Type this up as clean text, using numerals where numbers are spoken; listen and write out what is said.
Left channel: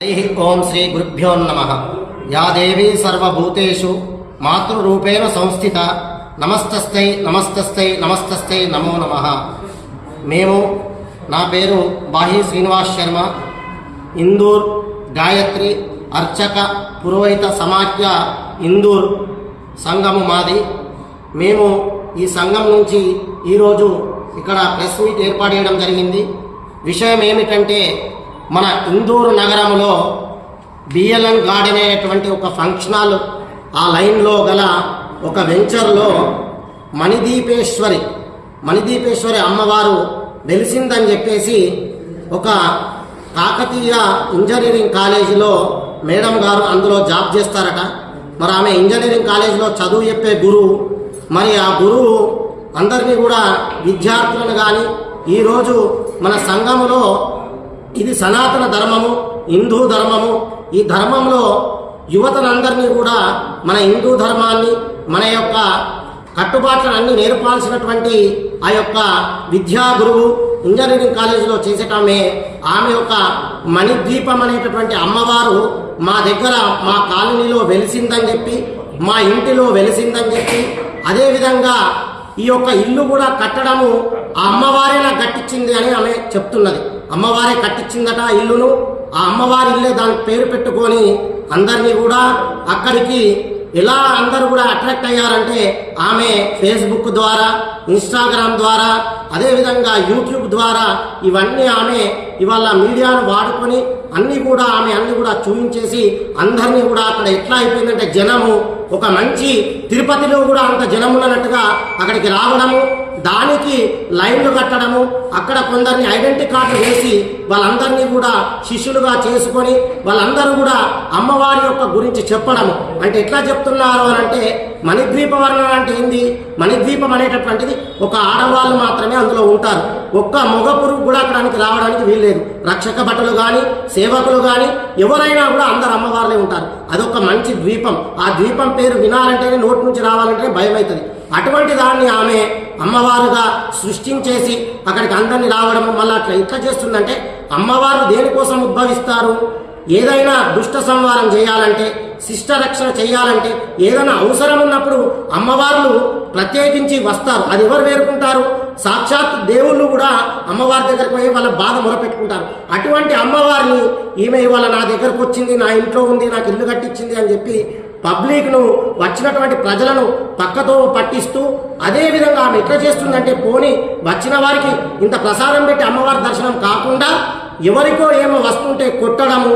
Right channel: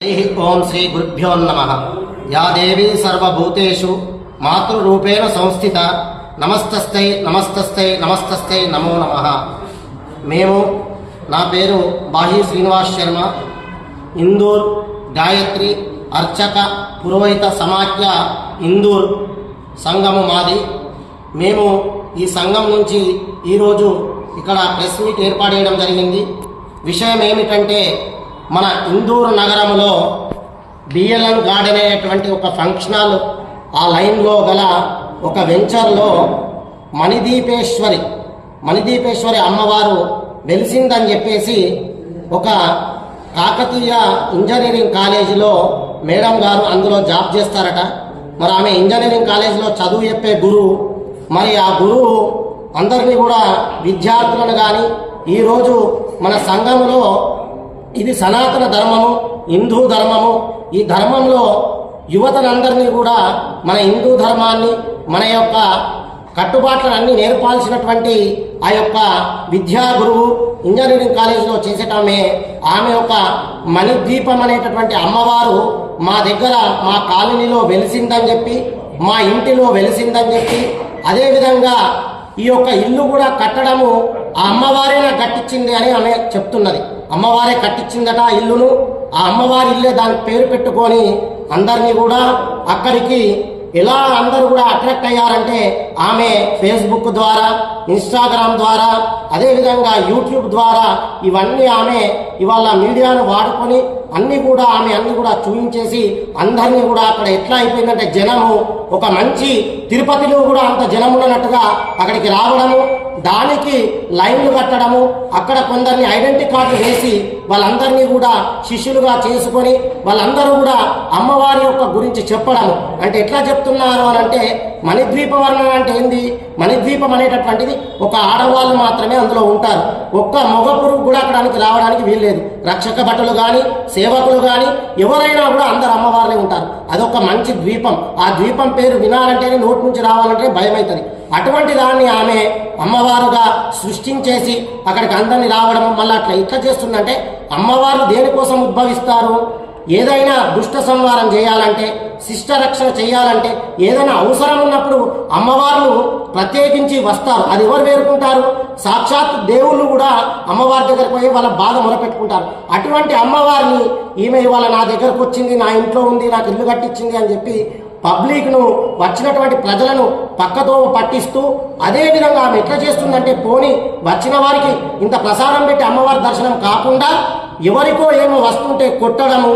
ओम श्री गुरुभ्यो नमः। या देवी सर्वभूतेषु मातृरूपेण संस्थिता नमस्तस्ते नमस्तस्ते नमस्तस्ते नमो नमः। మేము నా పేరు బాహి శ్రీనివాస్ శర్మ, ఇందూర్ గాయత్రి అర్చక పురోహిత సమాఖ్య ఇందూర్ సంఘము మాది. మేము ఈ సంఘం నుంచి ఈరోజు ఇక్కడ ప్రెస్ మీట్ ఏర్పాటు చేయడం జరిగింది. విషయం ఏమిటంటే, మన ఇందూరు నగరంలో బిఎల్ఎన్ గార్డెన్ అనేటువంటి ఒక ఫంక్షన్ హాల్, ఆ లైన్లో గల ఒక వెంచర్లో మణిదీపేశ్వరి అమ్మవారు వెలిసిందని చెప్పేసి ఒక కాకతీయ ఇంజనీరింగ్ కాలేజీలో మేడం గారు అందులో జాబ్ చేస్తారట. మరి ఆమె ఇంజనీరింగ్ కాలేజీలో చదువు చెప్పే గురువు. మరి ఆ గురువు అందరినీ కూడా విద్యార్థులను కానీ ఈరోజు మన సంఘములో ఇది సనాతన ధర్మము, హిందూ ధర్మము, ఈ ధర్మంలో యువతనందరినీ కూడా మన హిందూ ధర్మాన్ని, మన యొక్క కట్టుబాట్లను అన్ని నేర్పాల్సినటువంటి ఆ యొక్క విద్యా గురువు ఇంజనీరింగ్ కాలేజీలో చేసేటమే. ఆమె యొక్క మణిద్వీపం అనేటటువంటి అమ్మవారు మా దగ్గర మా కాలనీలో వెలిసిందని చెప్పి, మా ఇంటిలో వెలిసిందని చెప్పి, అదేవిధంగా ఈ యొక్క ఇల్లు కూడా కట్టడము ఆ అమ్మవారే నాకు కట్టించింది అని ఆమె చెప్తున్నది. అమ్మవారే కట్టించిందట ఆ ఇల్లును. ఆ అమ్మవారి ఇల్లే దానికి పేరు పెట్టుకొని అందరినీ కూడా అక్కడికి ఎలా అందరూ కూడా అట్రాక్ట్ అయ్యారంటే, ఆమె ఫేస్బుక్ ద్వారా, ఇన్స్టాగ్రామ్ ద్వారా, అదేవిధంగా యూట్యూబ్ ద్వారా ఇవన్నీ ఆమె ఇవాళ మీడియాను వాడుకొని అన్ని కూడా చూపించేసి అందరినీ కూడా అక్కడ ఎట్లా అయిపోయిందంటే, జనము ఒక మంచి తిరుపతిలో కూడా అంత జనం ఉన్నట్టుగా అక్కడికి రావడము, దానికి లైన్లు కట్టడము, అక్కడ కొందరిని ఐడెంటిటీ కార్డు వేసి వాళ్ళందరినీ కూడా శిష్యులుగా చేసుకొని వాళ్ళందరూ కూడా అమ్మవారి యొక్క గురించి చెప్పడము. అంటే ఎట్లా చెప్తున్నారు అని అంటే, మణిద్వీప వర్ణన అంటే ఏంది? మణిద్వీపం అనేటటువంటిది ఒక ఆడవాళ్ళు మాత్రమే అందులో ఉంటారు. ఒక్క మగ పురుగు కూడా అక్కడానికి రావడానికి వీల్లేదు. రక్షక భటులు కానీ, సేవకులు కానీ ఎవరైనా కూడా అందరు అమ్మవారులే ఉంటారు. అదొక మంచి ద్వీపం. ఆ ద్వీపం పేరు వినాలంటేనే, నోటి నుంచి రావాలంటే భయం అవుతుంది. అటువంటి దాన్ని ఆమె అమ్మవారుగా సృష్టించేసి అక్కడికి అందరినీ రావడం. మళ్ళీ అట్లా ఇట్లా చేస్తుందంటే, అమ్మవారు దేనికోసం ఉద్భవిస్తారు? ఏదైనా దుష్ట సంహారం చేయాలంటే, శిష్ట రక్షణ చేయాలంటే, ఏదైనా అవసరం ఉన్నప్పుడు అమ్మవార్లు ప్రత్యేకించి వస్తారు. అది ఎవరు వేరుకుంటారు? సాక్షాత్ దేవుళ్ళు కూడా అమ్మవారి దగ్గరకు పోయి వాళ్ళ బాధ మొరపెట్టుకుంటారు. అటువంటి అమ్మవారిని ఈమె ఇవాళ నా దగ్గరకు వచ్చింది, నా ఇంట్లో ఉంది, నాకు ఇల్లు కట్టించింది అని చెప్పి పబ్లిక్ను, వచ్చినటువంటి ప్రజలను పక్కతో పట్టిస్తూ, అదేవిధంగా ఆమె ఎట్లా చేస్తుందంటే, పోని వచ్చిన వారికి ఇంత ప్రసాదం పెట్టి అమ్మవారి దర్శనం కాకుండా ఎవరికో ఏమో వస్తుంటే కొట్టడము,